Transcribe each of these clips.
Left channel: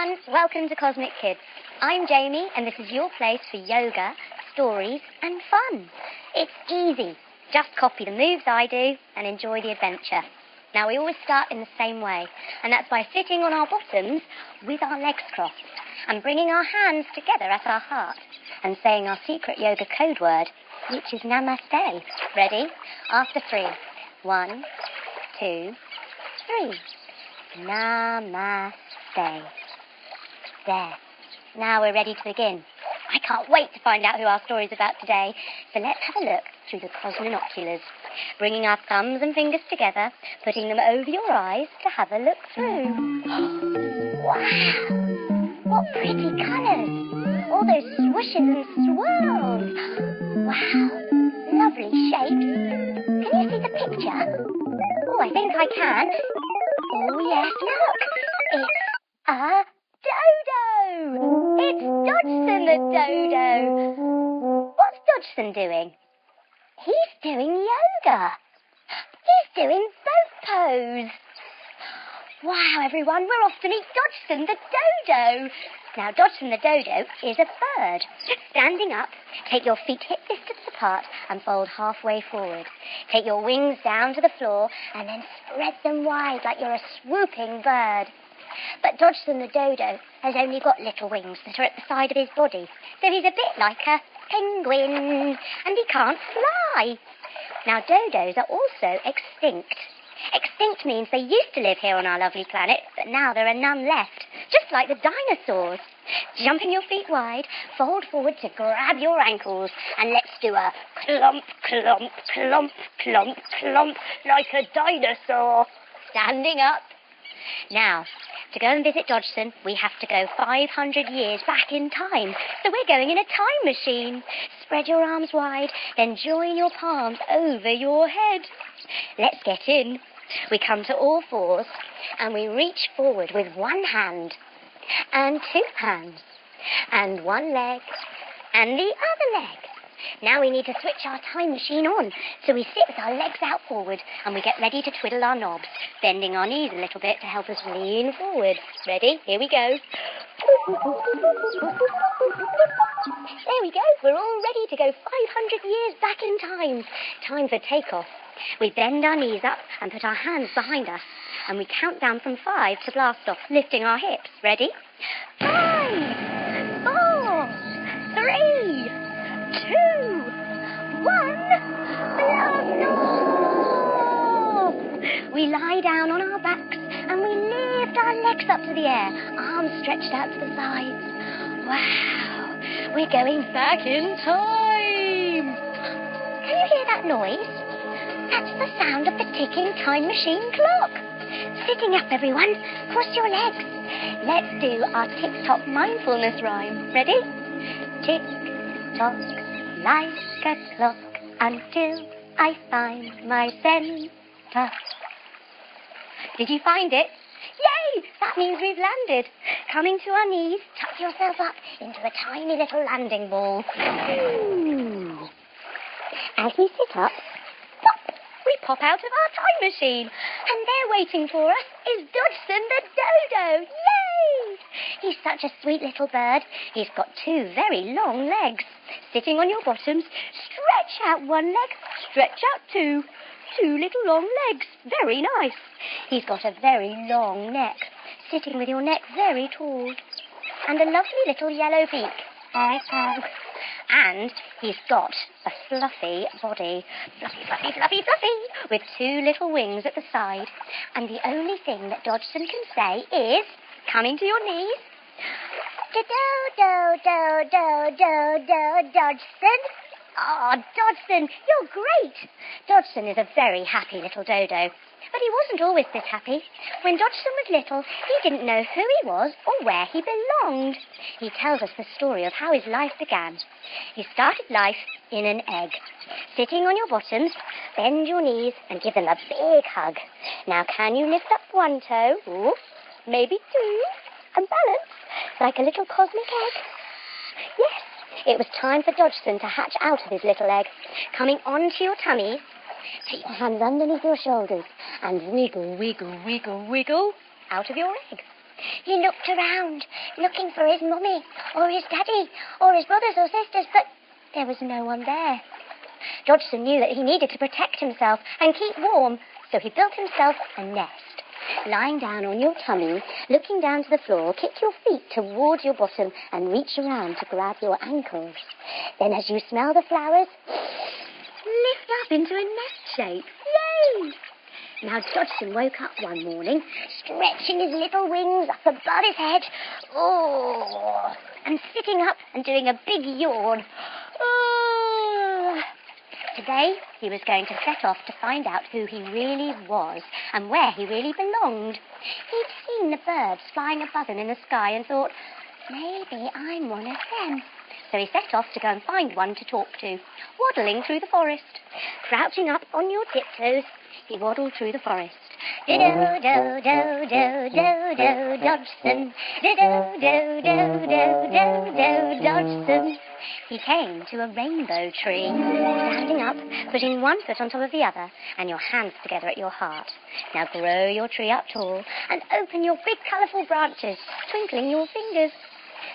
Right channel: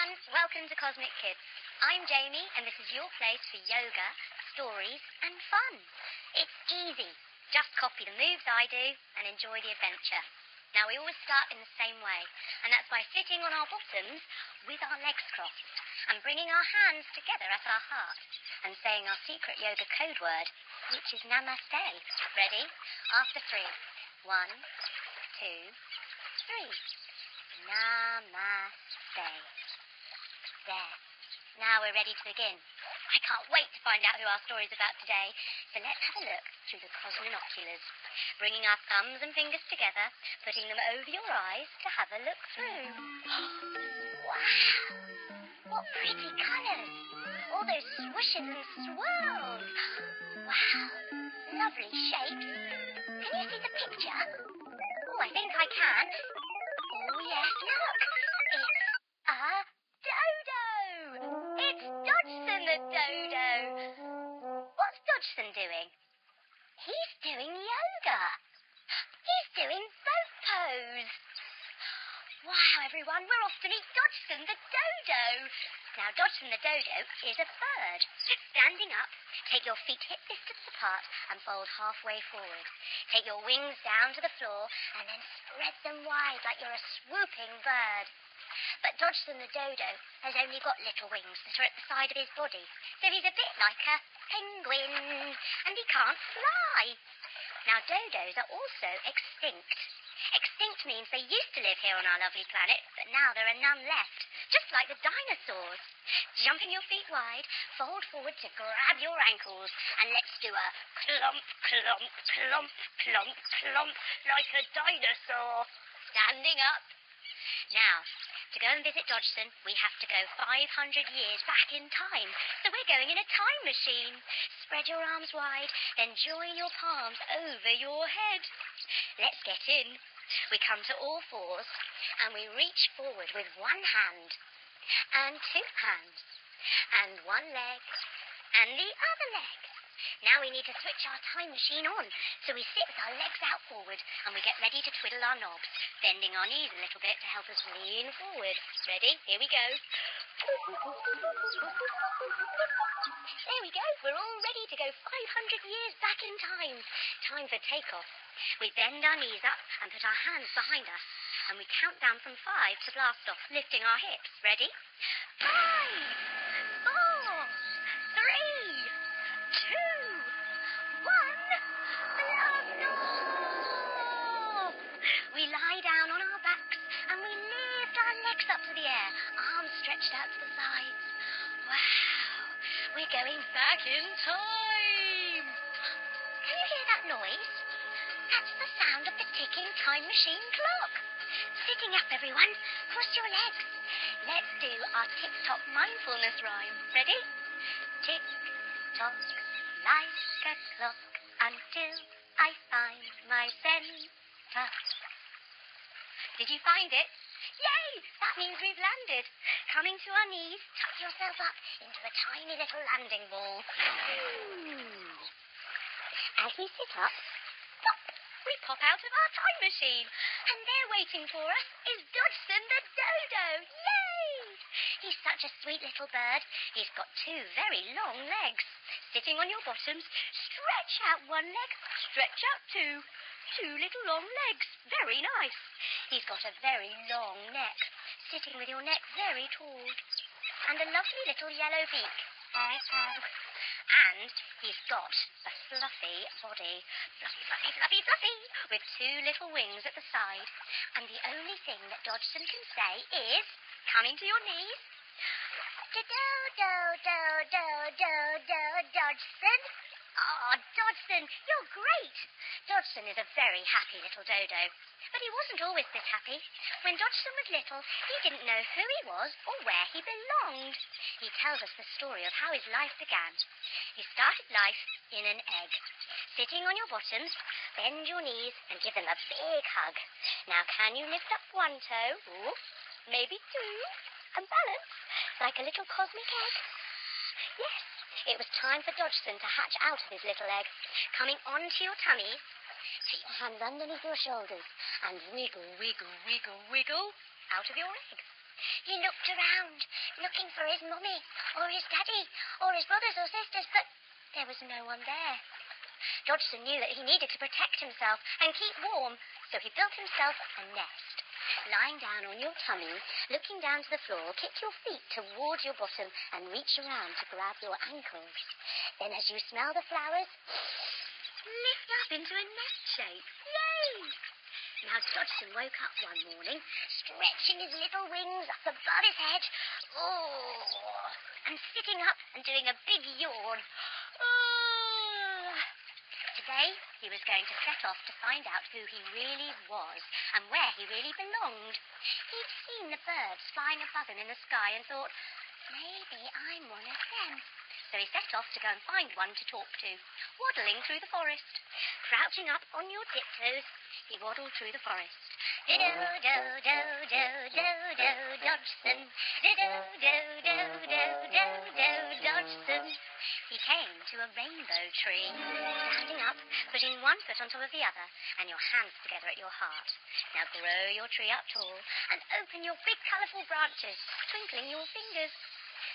everyone, welcome to Cosmic Kids. I'm Jamie and this is your place for yoga, stories and fun. It's easy. Just copy the moves I do and enjoy the adventure. Now we always start in the same way, and that's by sitting on our bottoms with our legs crossed and bringing our hands together at our heart and saying our secret yoga code word, which is Namaste. Ready? After 3. 1, 2, 3. Namaste. There. Now we're ready to begin. I can't wait to find out who our story's about today. So let's have a look through the cosminoculars, bringing our thumbs and fingers together, putting them over your eyes to have a look through. Wow! What pretty colours! All those swooshes and swirls. Wow! Lovely shapes. Can you see the picture? Oh, I think I can. Oh, yes, look! It's a Dodo! It's Dodgson the Dodo! What's Dodgson doing? He's doing yoga. He's doing boat pose. Wow, everyone, we're off to meet Dodgson the Dodo. Now, Dodgson the Dodo is a bird. Standing up, take your feet hip distance apart and fold halfway forward. Take your wings down to the floor and then spread them wide like you're a swooping bird. But Dodgson the Dodo has only got little wings that are at the side of his body, so he's a bit like a penguin, and he can't fly. Now, dodos are also extinct. Extinct means they used to live here on our lovely planet, but now there are none left, just like the dinosaurs. Jumping your feet wide, fold forward to grab your ankles, and let's do a clump, clump, clump, clump, clump, like a dinosaur. Standing up. Now, to go and visit Dodgson, we have to go 500 years back in time. So we're going in a time machine. Spread your arms wide, then join your palms over your head. Let's get in. We come to all fours, and we reach forward with one hand, and 2 hands, and 1 leg, and the other leg. Now we need to switch our time machine on. So we sit with our legs out forward and we get ready to twiddle our knobs, bending our knees a little bit to help us lean forward. Ready? Here we go. There we go. We're all ready to go 500 years back in time. Time for takeoff. We bend our knees up and put our hands behind us. And we count down from 5 to blast off, lifting our hips. Ready? 5, 4, 3, 2, 1, blast off! We lie down on our backs and we lift our legs up to the air, arms stretched out to the sides. Wow, we're going back in time. Can you hear that noise? That's the sound of the ticking time machine clock. Sitting up, everyone. Cross your legs. Let's do our tick-tock mindfulness rhyme. Ready? Tick-tock, like a clock, until I find my center. Did you find it? Yay! That means we've landed. Coming to our knees, tuck yourself up into a tiny little landing ball. Ooh. As we sit up, pop, we pop out of our time machine. And there waiting for us is Dodgson the Dodo. Yay! He's such a sweet little bird. He's got 2 very long legs. Sitting on your bottoms, stretch out 1 leg, stretch out 2. 2 little long legs. Very nice. He's got a very long neck, sitting with your neck very tall. And a lovely little yellow beak. And he's got a fluffy body. Fluffy, fluffy, fluffy, fluffy. With 2 little wings at the side. And the only thing that Dodgson can say is, coming to your knees, Dodgson. Oh, Dodgson, you're great. Dodgson is a very happy little dodo. But he wasn't always this happy. When Dodgson was little, he didn't know who he was or where he belonged. He tells us the story of how his life began. He started life in an egg. Sitting on your bottoms, bend your knees and give them a big hug. Now, can you lift up 1 toe? Ooh, maybe 2. And balance like a little cosmic egg. Yes, it was time for Dodgson to hatch out of his little egg. Coming onto your tummy, put your hands underneath your shoulders and wiggle, wiggle, wiggle, wiggle out of your egg. He looked around, looking for his mummy, or his daddy, or his brothers or sisters, but there was no one there. Dodgson knew that he needed to protect himself and keep warm, so he built himself a nest. Lying down on your tummy, looking down to the floor, kick your feet towards your bottom and reach around to grab your ankles. Then as you smell the flowers, lift up into a nest shape. Yay! Now Dodgson woke up one morning, stretching his little wings up above his head, and sitting up and doing a big yawn. Today, he was going to set off to find out who he really was and where he really belonged. He'd seen the birds flying above him in the sky and thought, maybe I'm one of them. So he set off to go and find one to talk to, waddling through the forest. Crouching up on your tiptoes, he waddled through the forest. Do-do-do-do-do-do-do, Dodgson. Do-do-do-do-do-do-do, Dodgson. He came to a rainbow tree, standing up, putting one foot on top of the other, and your hands together at your heart. Now grow your tree up tall and open your big colourful branches, twinkling your fingers.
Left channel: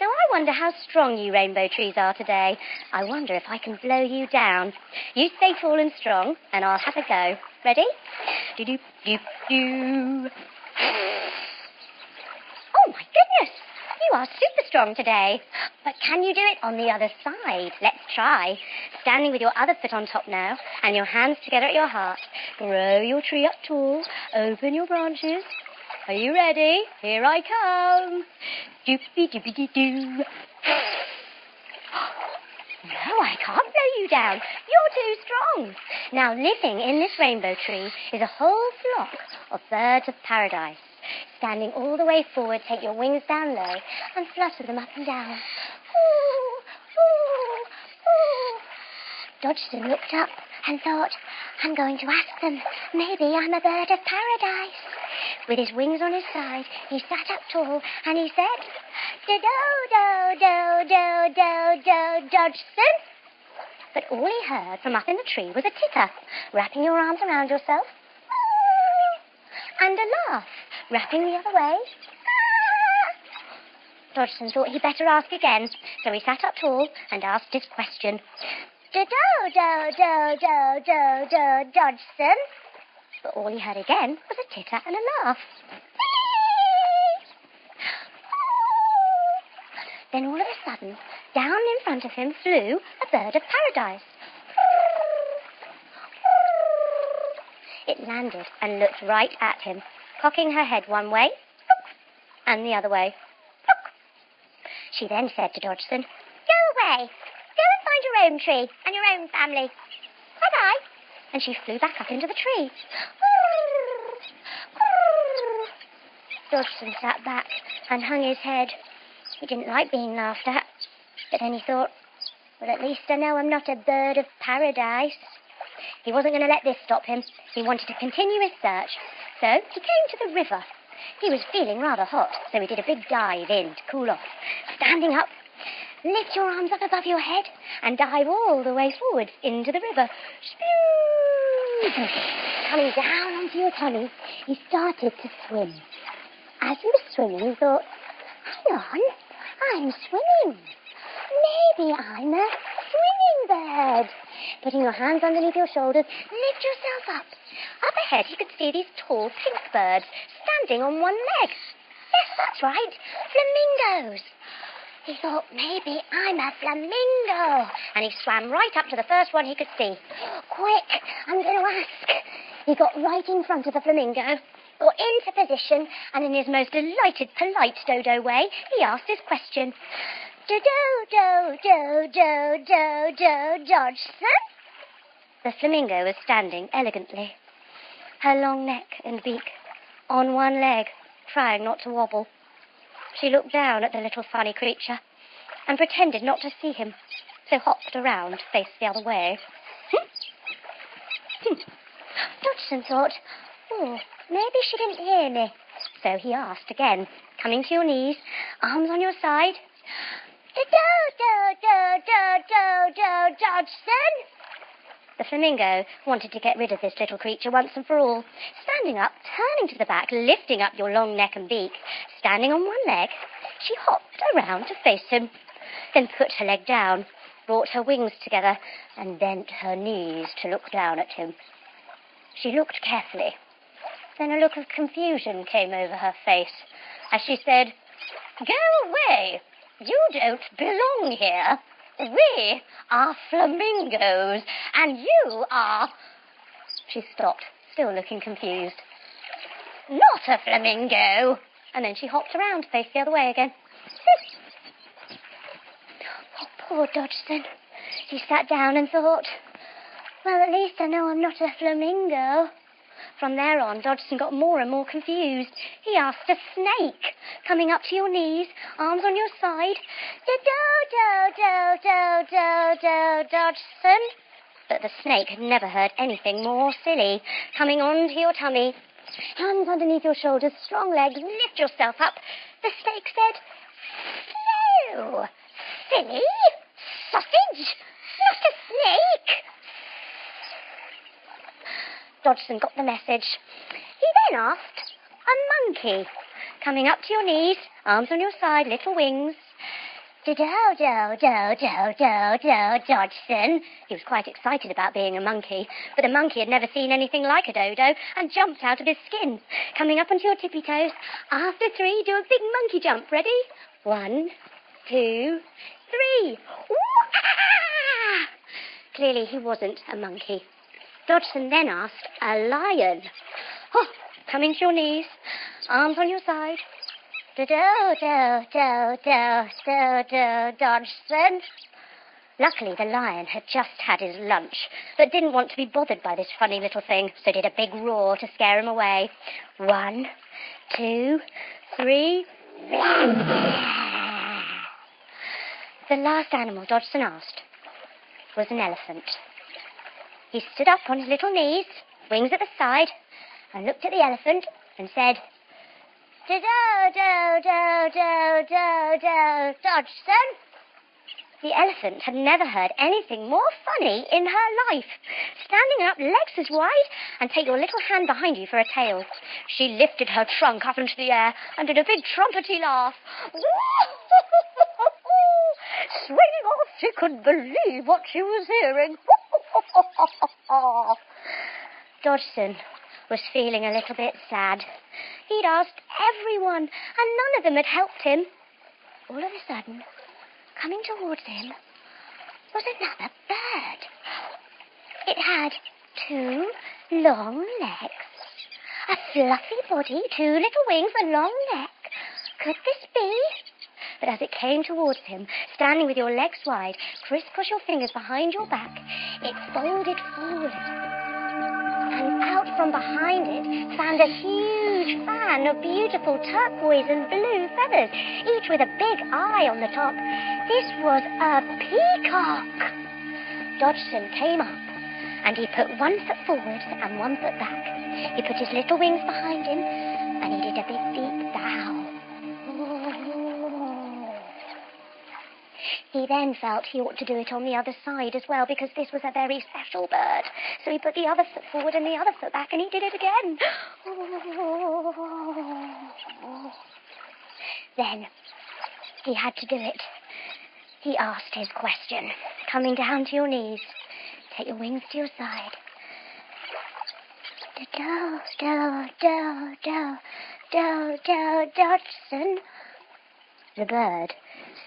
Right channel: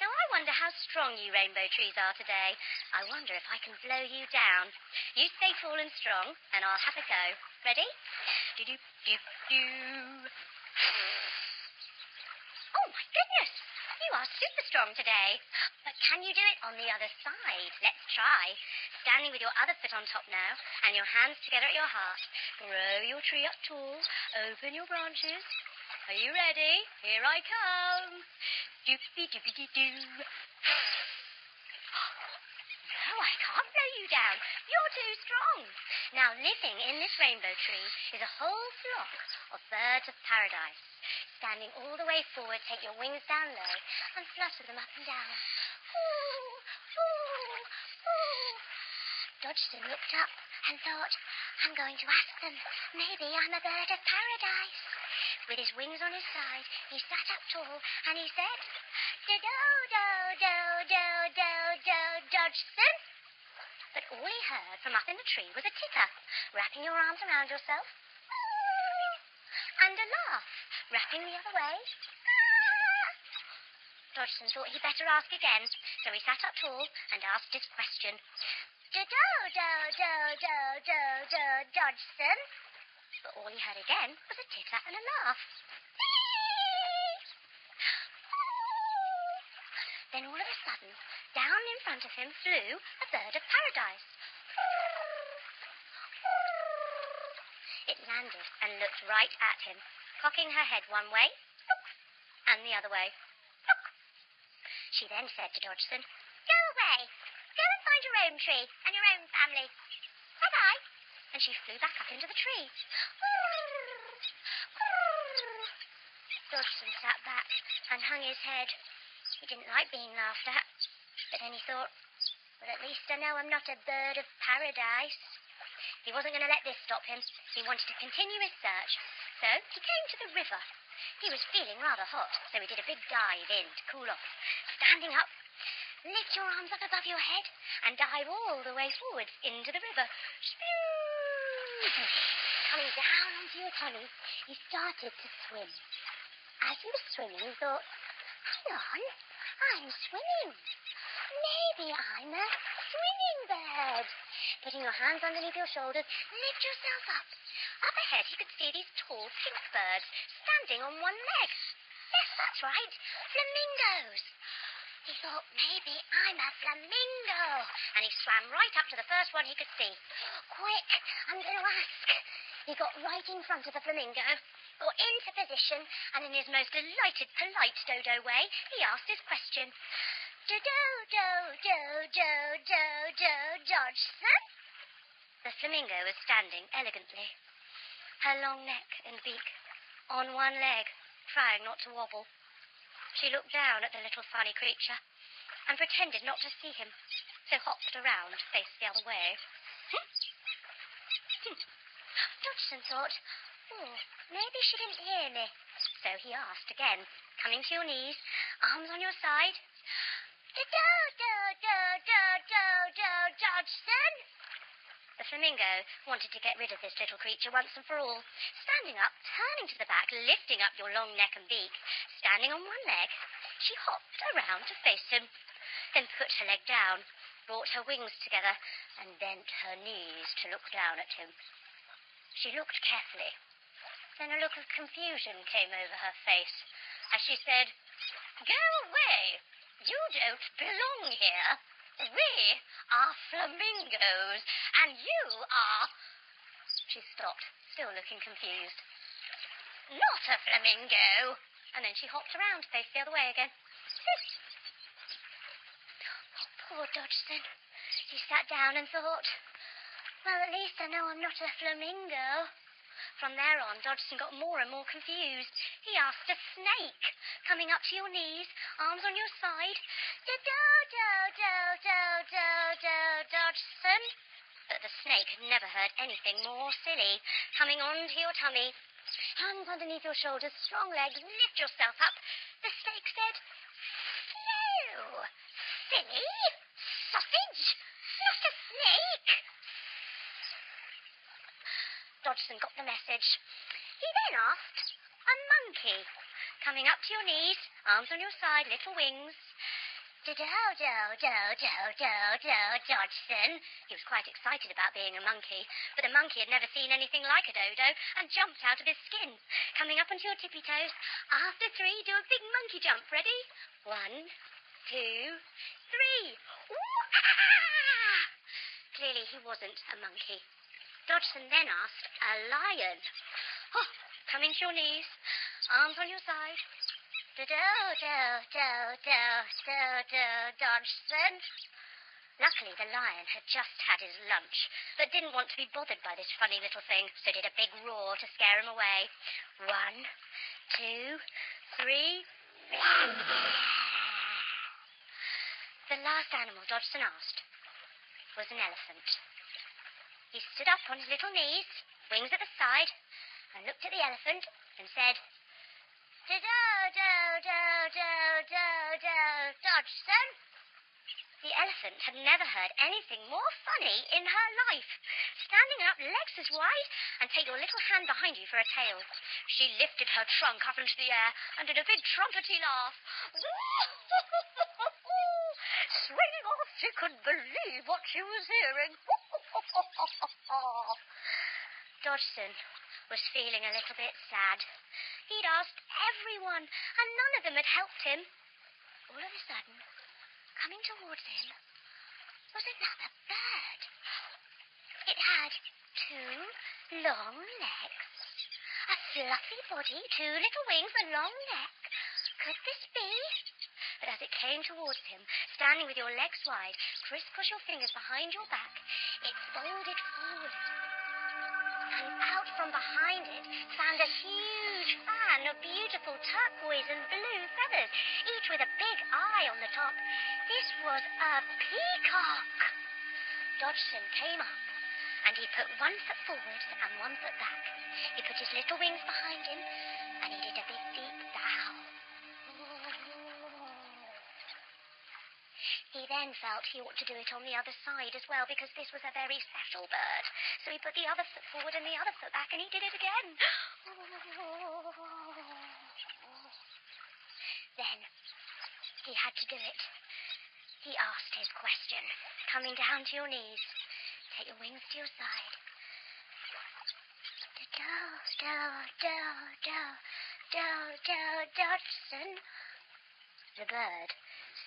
Now I wonder how strong you rainbow trees are today. I wonder if I can blow you down. You stay tall and strong, and I'll have a go. Ready? Do-do-do-do. Oh, my goodness! You are super strong today. But can you do it on the other side? Let's try. Standing with your other foot on top now, and your hands together at your heart. Grow your tree up tall. Open your branches. Are you ready? Here I come. Doopy-doopy-doo-doo. No, I can't blow you down. You're too strong. Now, living in this rainbow tree is a whole flock of birds of paradise. Standing all the way forward, take your wings down low and flutter them up and down. Ooh, ooh, ooh. Dodgson looked up and thought, I'm going to ask them. Maybe I'm a bird of paradise. With his wings on his side, he sat up tall and he said, Do-do-do-do-do-do, Dodgson. But all he heard from up in the tree was a titter, wrapping your arms around yourself, and a laugh, wrapping the other way. Dodgson thought he'd better ask again, so he sat up tall and asked his question. Do-do-do-do-do-do, Dodgson. But all he heard again was a titter and a laugh. Then all of a sudden, down in front of him flew a bird of paradise. It landed and looked right at him, cocking her head one way, and the other way. She then said to Dodgson, Go away. Go and find your own tree and your own family. Bye-bye. And she flew back up into the tree. Dodgson sat back and hung his head. He didn't like being laughed at. But then he thought, well, at least I know I'm not a bird of paradise. He wasn't going to let this stop him. He wanted to continue his search. So he came to the river. He was feeling rather hot, so he did a big dive in to cool off. Standing up, lift your arms up above your head and dive all the way forward into the river. Coming down onto your tummy, he started to swim. As he was swimming, he thought, hang on, I'm swimming. Maybe I'm a swimming bird. Putting your hands underneath your shoulders, lift yourself up. Up ahead, he could see these tall pink birds standing on one leg. Yes, that's right, flamingos. He thought, maybe I'm a flamingo. And he swam right up to the first one he could see. Quick, I'm going to ask. He got right in front of the flamingo, got into position, and in his most delighted, polite Dodo way, he asked his question. Do-do-do-do-do-do, Dodgson? The flamingo was standing elegantly, her long neck and beak on one leg, trying not to wobble. She looked down at the little funny creature and pretended not to see him, so hopped around, faced the other way. Dodgson thought, maybe she didn't hear me. So he asked again, coming to your knees, arms on your side. Do-do-do-do-do-do, Dodgson? The flamingo wanted to get rid of this little creature once and for all. Standing up, turning to the back, lifting up your long neck and beak, standing on one leg, she hopped around to face him, then put her leg down, brought her wings together, and bent her knees to look down at him. She looked carefully. Then a look of confusion came over her face as she said, "Go away! You don't belong here. We are flamingos, and you are..." She stopped, still looking confused. "Not a flamingo." And then she hopped around to face the other way again. Oh, poor Dodgson. He sat down and thought, well, at least I know I'm not a flamingo. From there on, Dodgson got more and more confused. He asked a snake, coming up to your knees, arms on your side, "Do-do-do-do-do-do-do, Dodgson." But the snake had never heard anything more silly. Coming onto your tummy, hands underneath your shoulders, strong legs, lift yourself up. The snake said, "Phew, silly sausage, not a snake." Dodgson got the message. He then asked a monkey, coming up to your knees, arms on your side, little wings. "Do-do-do-do-do-do-do, Dodgson." He was quite excited about being a monkey, but the monkey had never seen anything like a dodo and jumped out of his skin. Coming up onto your tippy toes. After 3, do a big monkey jump. Ready? 1, 2, 3. Wah! Clearly he wasn't a monkey. Dodgson then asked a lion. Oh, coming to your knees, arms on your side. Do-do-do-do-do-do, Dodgson. Luckily, the lion had just had his lunch, but didn't want to be bothered by this funny little thing, so did a big roar to scare him away. 1, 2, 3. The last animal Dodgson asked was an elephant. He stood up on his little knees, wings at the side, and looked at the elephant and said, "Do-do-do-do-do-do, Dodgson." The elephant had never heard anything more funny in her life. Standing up, legs as wide, and take your little hand behind you for a tail. She lifted her trunk up into the air and did a big trumpety laugh. Swinging off, she couldn't believe what she was hearing. Dodgson was feeling a little bit sad. He'd asked everyone, and none of them had helped him. All of a sudden, coming towards him was another bird. It had 2 long legs, a fluffy body, 2 little wings, a long neck. Could this be? But as it came towards him, standing with your legs wide, crisscross your fingers behind your back, it folded forward. And out from behind it found a huge fan of beautiful turquoise and blue feathers, each with a big eye on the top. This was a peacock. Dodgson came up, and he put 1 foot forward and 1 foot back. He put his little wings behind him, and he did a big deep bow. He then felt he ought to do it on the other side as well, because this was a very special bird. So he put the other foot forward and the other foot back, and he did it again. Then he had to do it. He asked his question, coming down to your knees. Take your wings to your side. Dodgson. The bird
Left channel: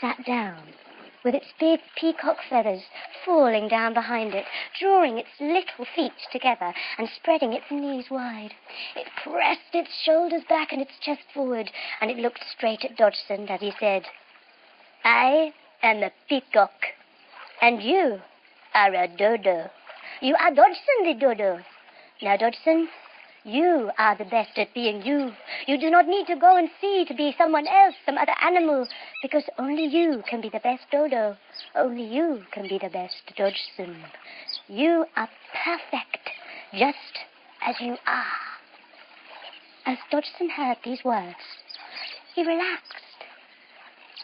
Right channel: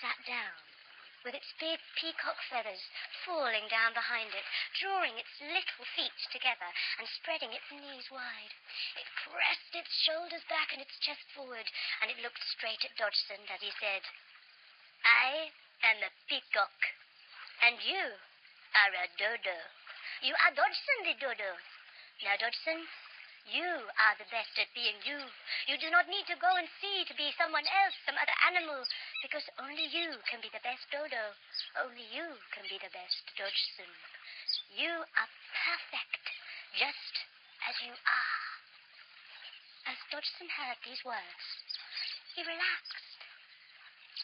sat down, with its big peacock feathers falling down behind it, drawing its little feet together and spreading its knees wide. It pressed its shoulders back and its chest forward, and it looked straight at Dodgson as he said, "I am a peacock, and you are a dodo. You are Dodgson the dodo. Now, Dodgson, you are the best at being you. You do not need to go and see to be someone else, some other animal, because only you can be the best dodo. Only you can be the best Dodgson. You are perfect, just as you are." As Dodgson heard these words, he relaxed,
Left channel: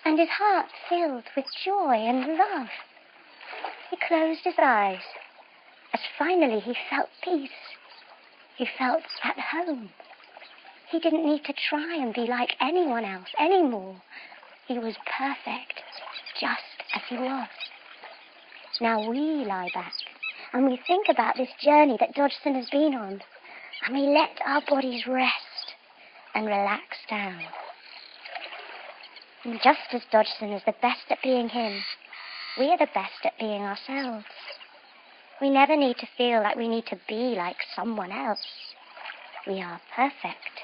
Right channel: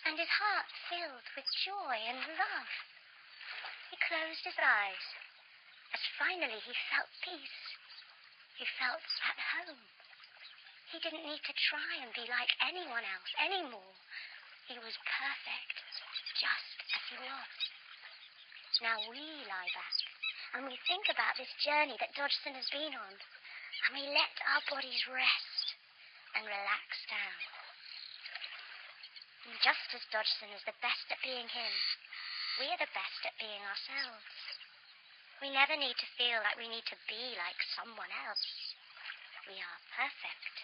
and his heart filled with joy and love. He closed his eyes as finally he felt peace. He felt at home. He didn't need to try and be like anyone else anymore. He was perfect, just as he was. Now we lie back and we think about this journey that Dodgson has been on, and we let our bodies rest and relax down. And just as Dodgson is the best at being him, we are the best at being ourselves. We never need to feel like we need to be like someone else. We are perfect,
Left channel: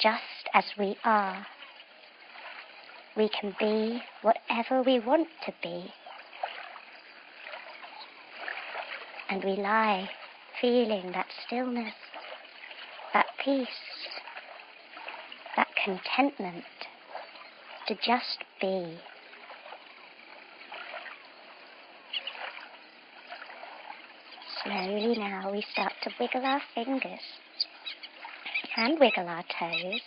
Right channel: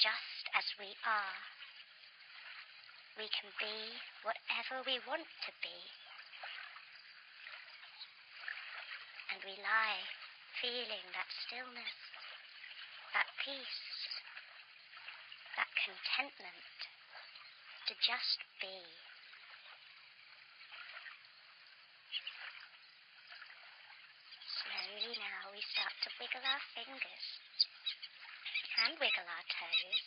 just as we are. We can be whatever we want to be. And we lie, feeling that stillness, that peace, that contentment to just be. Slowly now we start to wiggle our fingers and wiggle our toes.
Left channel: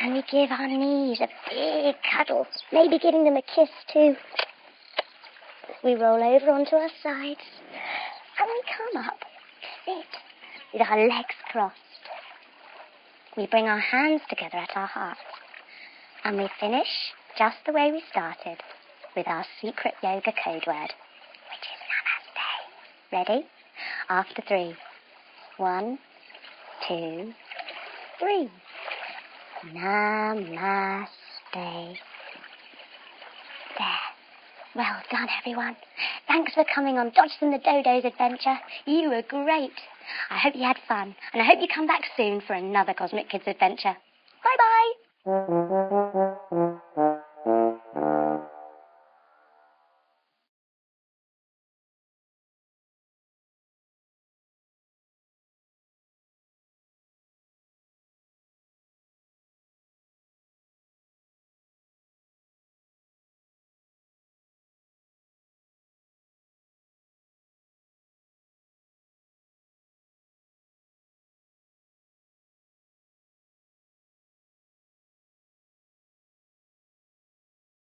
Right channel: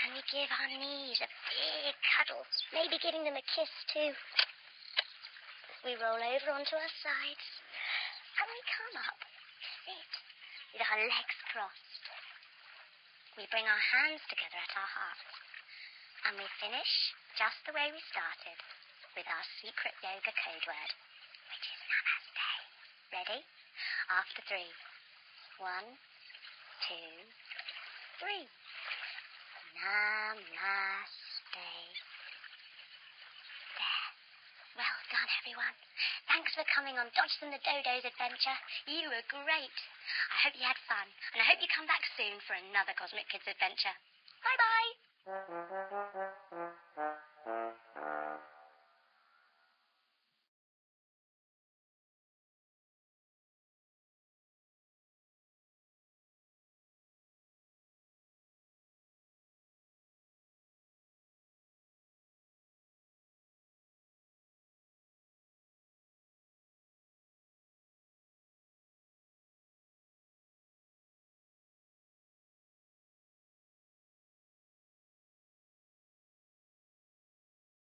And we give our knees a big cuddle, maybe giving them a kiss too. We roll over onto our sides and we come up to sit with our legs crossed. We bring our hands together at our hearts and we finish just the way we started with our secret yoga code word, which is Namaste. Ready? After 3. 1, 2, 3. Namaste. There. Well done, everyone. Thanks for coming on Dodgson the Dodo's adventure. You were great. I hope you had fun, and I hope you come back soon for another Cosmic Kids adventure. Bye-bye.